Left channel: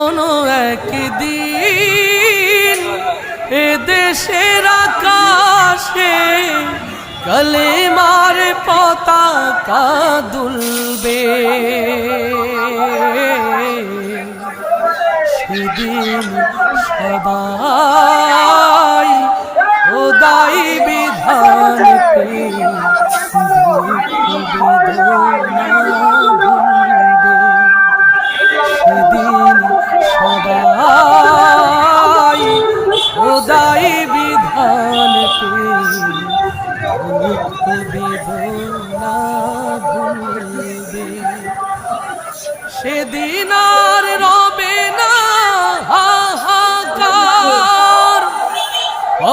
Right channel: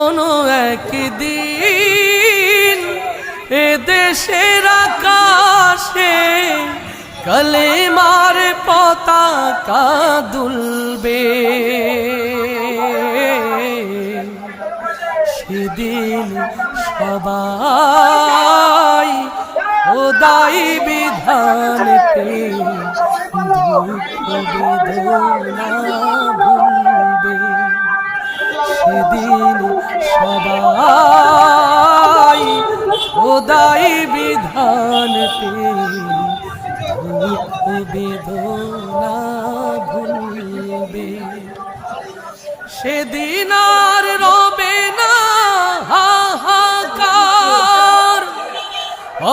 কোনো একদিন এ দেশের আকাশে কালেমার পতাকা দুলবে, সেদিন সবাই খোদাই বিধান পেয়ে দুঃখ বেদনা ভুলবে। সেদিন সবাই খোদাই বিধান পেয়ে দুঃখ বেদনা ভুলবে। সেদিন আর রবে না হাহাকার,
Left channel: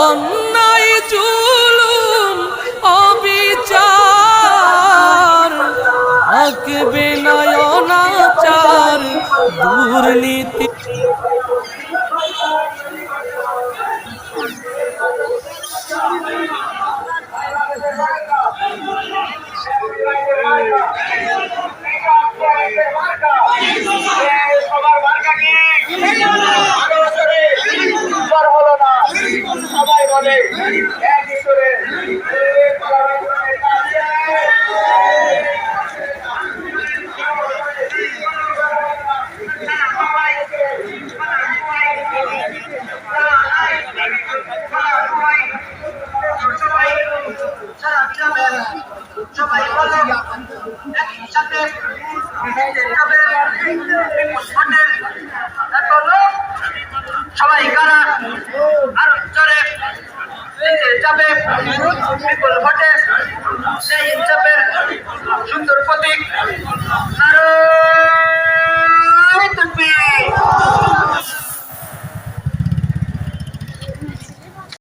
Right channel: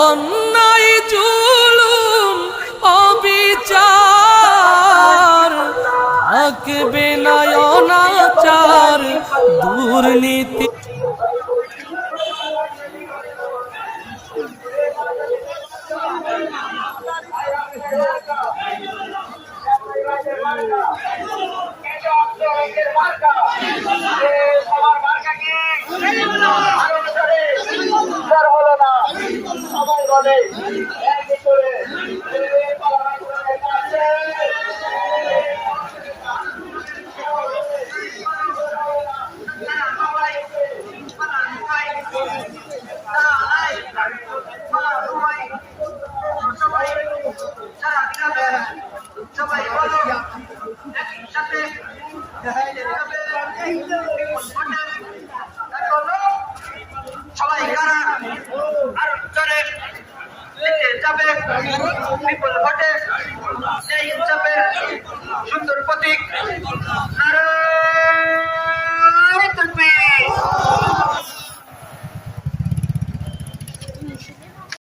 অন্যায় জুলুম অবিচার, থাকবে না অনাচার দুর্নীতি। সবাই বলে সবাই কারা আরো চলে যাবে বিপুল ভোট